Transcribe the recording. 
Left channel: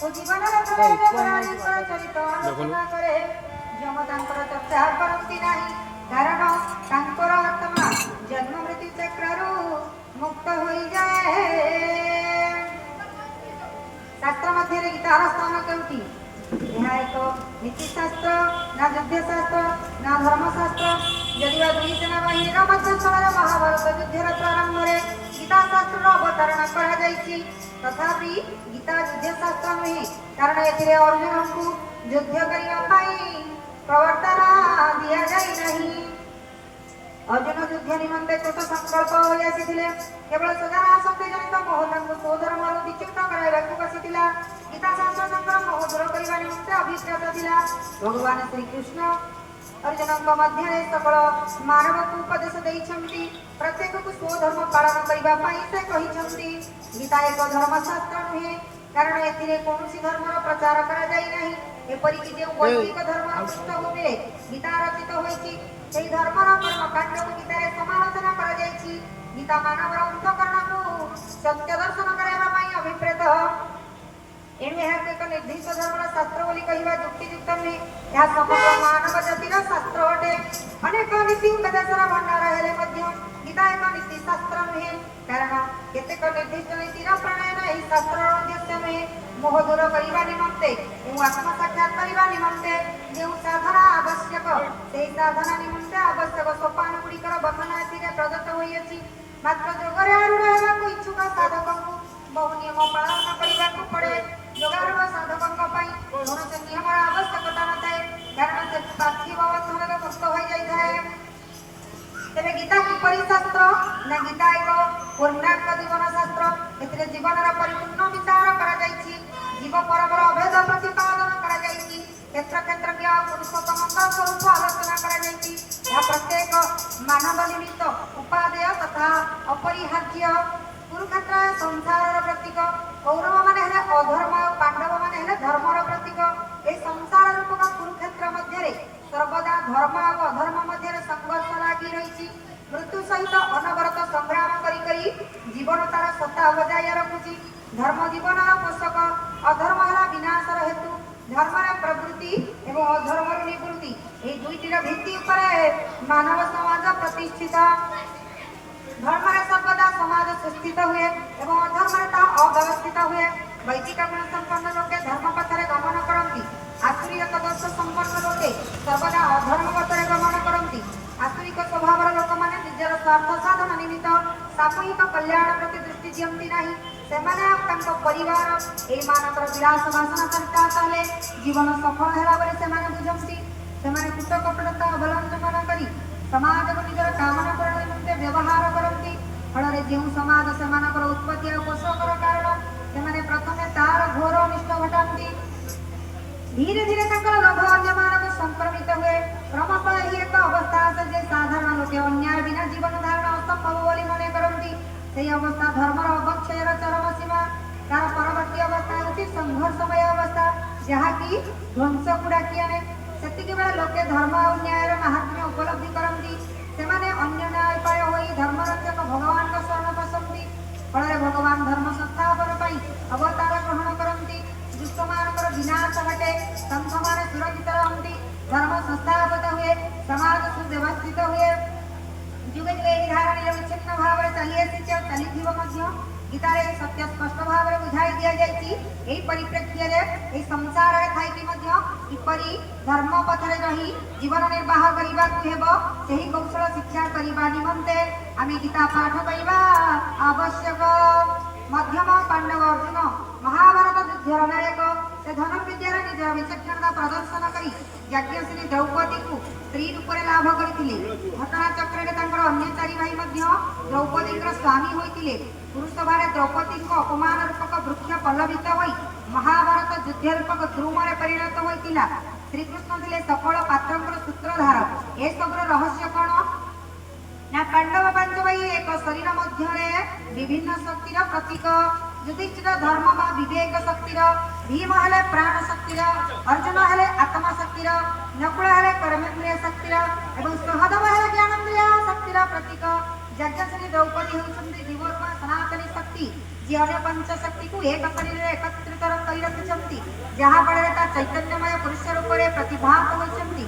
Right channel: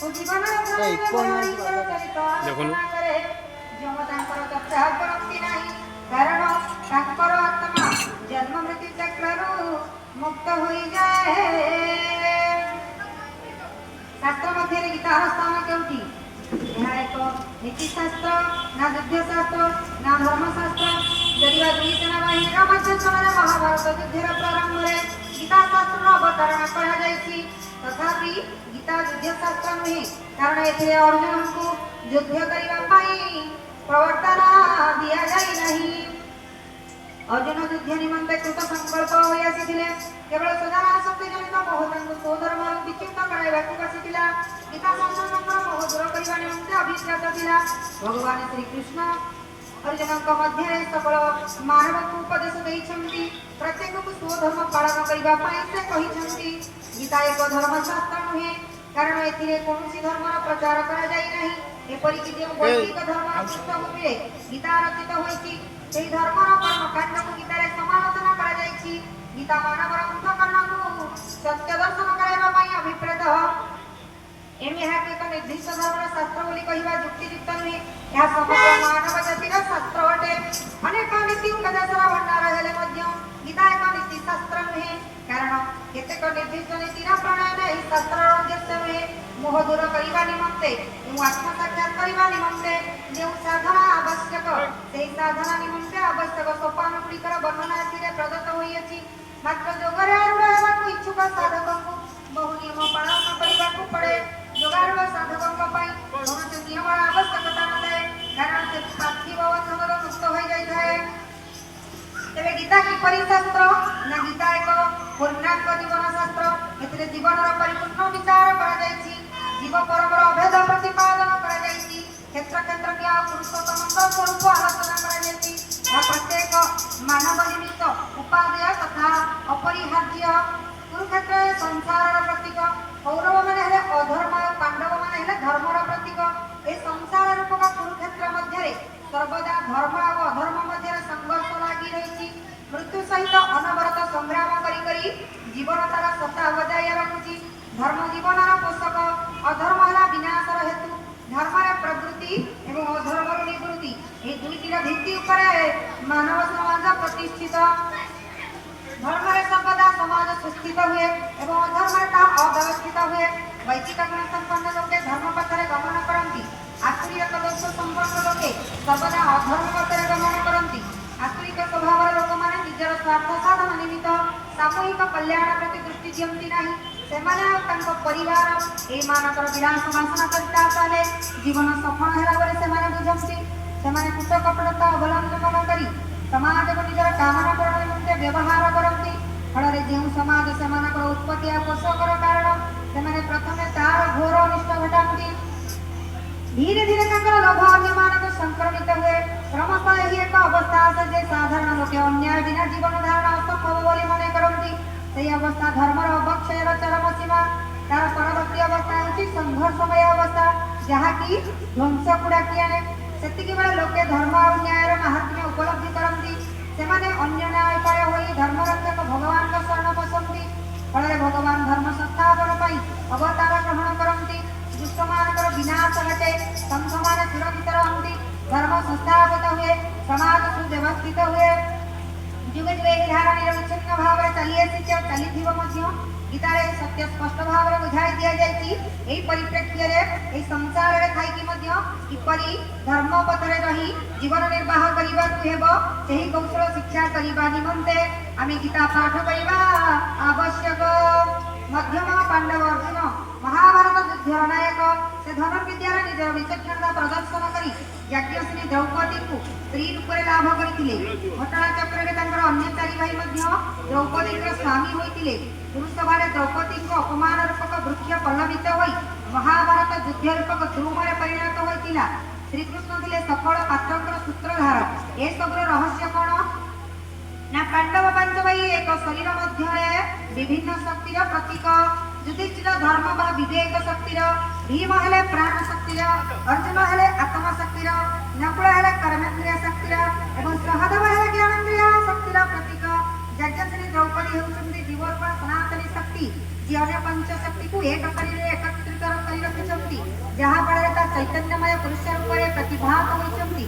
ଦେଖୁନୁ ଚର୍ଚ୍ଚା କରନ୍ତି ନାହିଁ କାରଣ ତାଙ୍କର ଆତ୍ମା ଜନ୍ମ ମୃତ୍ୟୁ ଚକ୍ରରୁ ମୁକ୍ତ ହୋଇଯାଏ। ଶାସ୍ତ୍ର ମଧ୍ୟରେ ଗୀତାର ସ୍ଥାନ କେଉଁଠି? ଏହା ଏକ ନୀତିଶାସ୍ତ୍ର, ନା ଯୁଦ୍ଧଶାସ୍ତ୍ର, ନା ଧର୍ମଶାସ୍ତ୍ର? ଯଦିବା ଦୁଇ ସେନାବାହିନୀର ମଧ୍ୟସ୍ଥଳରେ ମହାଭାରତ ଯୁଦ୍ଧର ପ୍ରାରମ୍ଭରେ ଗୀତା ଶାସ୍ତ୍ରର ଅବତରଣ କରାଯାଇଛି, ତଥାପି ଗୀତା ଯୁଦ୍ଧଶାସ୍ତ୍ର ନୁହେଁ, କାରଣ ଏଥିରେ ଅର୍ଜୁନଙ୍କୁ ଯୁଦ୍ଧ କରିବା ପାଇଁ ପ୍ରବର୍ତ୍ତନା ଦିଆଯାଇ ନାହିଁ। अर्जुन युद्ध निमंते कृत संकल्प होई आसीथिले। केवल सदान आसक्ति जनित मोह तांको स्वधर्म विच्युत कराइबाकू बसिथिला। गीता शास्त्र तांकर मोह दूर करिबा निमंते अभिप्रेत थिला। भगवान श्री कृष्ण अर्जुनक मध्य सकल मानवक उपदेश देइछंती। प्रत्येक को स्वधर्म पालन करिबा पई से कहिछंती। गीता एक धर्मशास्त्र नुहे, कारण एथिरे कोनोसी धर्मर प्रचार करा जाई नाही। एपरिकि जे वैदिक धर्मर पृष्ठभूमि गीता रचित होईछि, सेही धर्मर कर्मकांड को गीतारे समालोचना करा जाईछि। गीता मानवर अंतःकरण को सत्य दर्शन कराइबा पई अभिप्रेत। एमे एक निर्दिष्ट धर्मर शास्त्र बोली कहिबा युक्तियुक्त नुहे। यह समग्र मानव जातिर शास्त्र अटे। अनेक नीति उपदेशर भंडार हेले मध्य गीता एक नीति शास्त्र नुहे, कारण केतेक निर्दिष्ट नीतिर प्रणयन एही शास्त्रर उद्देश्य नुहे। मोह दूर करिबा निमंते एवं आत्म साक्षात करिबा निमंते जेउ साधना आवश्यक, सेही साधना निमंते आवश्यक सोपान गुड़िकर वर्णना एथिरे प्रदत्त होइछि। मात्र जोगरे आरूढ़ हेबाकू इच्छुक साधकଙ୍କୁ बहु नियम पालन करिबाकू पड़े। योगारूढ़ साधकଙ୍କ ପାଇଁ କୌଣସି ନିୟମର ଆବଶ୍ୟକତା ନଥାଏ, କାରଣ ସେ ପାର୍ଥିବ ବନ୍ଧନରୁ ମୁକ୍ତ ହୋଇଯାଇଥାଏ। तेरे गीता किपरि शास्त्र ना? गीता एक पूर्णांग जीवन शास्त्र। एथिरे जीवनर परिपूर्ण विचार करा जायछि। जीव परमर अभेद प्रतिपादन करा जायछि। क्षेत्र क्षेत्र के पुरुषोत्तम स्वरूप आलोचना करा जायछि। यह प्रत्येक मानव निमित्त उपादेय तथा अपरिहार्य। कुरुक्षेत्र संसार प्रतीक। कौरव माने हेले अधर्म और पांडव माने हेले धर्मर प्रतीक। ए संसार रूपक कुरुक्षेत्र मध्य सर्वदा धर्म और अधर्म मध्य संघर्ष लगी रही। मृत्यु सहित अनवरत संग्राम करी करी जीवन तार सत्ता बजाय रखुची। धर्म जीवनर पोषक, अधर्म है विनाशर हेतु। धर्म प्रवृत्ति एवं अधर्म निवृत्ति, ये दुईटर भित्ति मानव समाज प्रतिष्ठित। धर्म सर्वदा समाज सुस्थित हुए एवं अधर्म अव्यवस्थित हुए। वैदिक गुण संपन्न लोके धर्म पथरे गमन करती। आसुरिक दोष संपन्न लोके सर्वदा अधर्म पथरे गमन करती। आसुरिक स्वभाव लोक मैंने निजर स्वार्थ साधन निमित्त सामूहिक कल्याण प्रति दृष्टि दियंती नहीं। सेमाने परिवार एई मानकर विलास वासना करता ताले जीवन सफल होला बरे सेमाने बुझंती। सेमाने कुट कपटता अवलंबन करी समाज को निजर कामना करण निमित्त व्यवहार करती। फल जो समाज सेमानकर उत्पत्ति और पोषकर कारण सेमाने प्रथमे तार घोर अनिष्ट घटाती। धीरे धीरे लोभ अन्य मानक संक्रमित हुए। क्रमशः यही एक अवस्था आसे जे साधारण लोके अन्याय बिना जीवन धारण असंभव बोली मन करती। से अवस्था धर्मर अवक्षयर चरम सीमा। तार परवर्ती अवस्था होची संघर्षमय अवस्था, जहाँकि ध्वंस को डाकी आने। सेतिकी बेले लोके धर्म और न्यायर महात्म्य उपलब्धि करती। सेमाने अन्य न्याय पर होई धर्मरक्षक भगवान का शरण पसंदी। फल भगवान धर्म संस्थापन पाई अवतार ग्रहण करती। दुष्टमानकर विनाश घटे, संघमाने सुरक्षित रहती। धर्म संस्थापित हुए, समाज सुव्यवस्थित हुए। जुगे जुगे यही धारणा विच्छिन्न भाव चली आसी चली गीतार सत्य स्पष्ट भाव में बुझाई दि जाएगी। परिप्रेक्षी में संसार किपरि धर्म पथरे रही जीवन निर्वाह करने कौशल शिक्षा करने निमंते आम गीता पाठ करने आवश्यक। मध्यम पांडव अर्जुन महाभारत युद्धर नायक। से धन विद्यार निज विचक्षणता प्रदर्शन कर यज्ञश्री द्रौपदी को स्त्री रूप में लाभ करते। घटना चक्र अन्य चारि भाई द्रौपदी स्वामी होते। कुरुसभारे द्रौपदी को अपमान रूपक वृक्ष पल्लवित हो महाभारत युद्ध रूपक ध्रुव में परिणत होता। श्रीकृष्ण थे सकल पात्र सूत्रधार। ए सब रहस्य कौन ना? पांडव पांच भाई एक शरीर मध्य विभिन्न शक्तिर प्रतीक। युधिष्ठिर धर्म बा विवेक शक्तिर, भीम हेले प्राण शक्तिर, अर्जुन हेले आत्मशक्तिर, नकुल हेले कर्मेन्द्रिय शक्तिर एवं सहदेव हेले ज्ञानेन्द्रिय शक्तिर प्रतीक। यज्ञश्री द्रौपदी होउछन्ति जीवरूपा सनातनी शक्ति, जी अन्य पंच शक्ति को एक शरीर एकत्रित କରି ରଖିଛନ୍ତି ଯାହା ଫଳରେ ତା ଚୈତନ୍ୟମୟ ପୁରୁଷ ରୂପରେ ପ୍ରତିଭାତ ହୋଇଛନ୍ତି।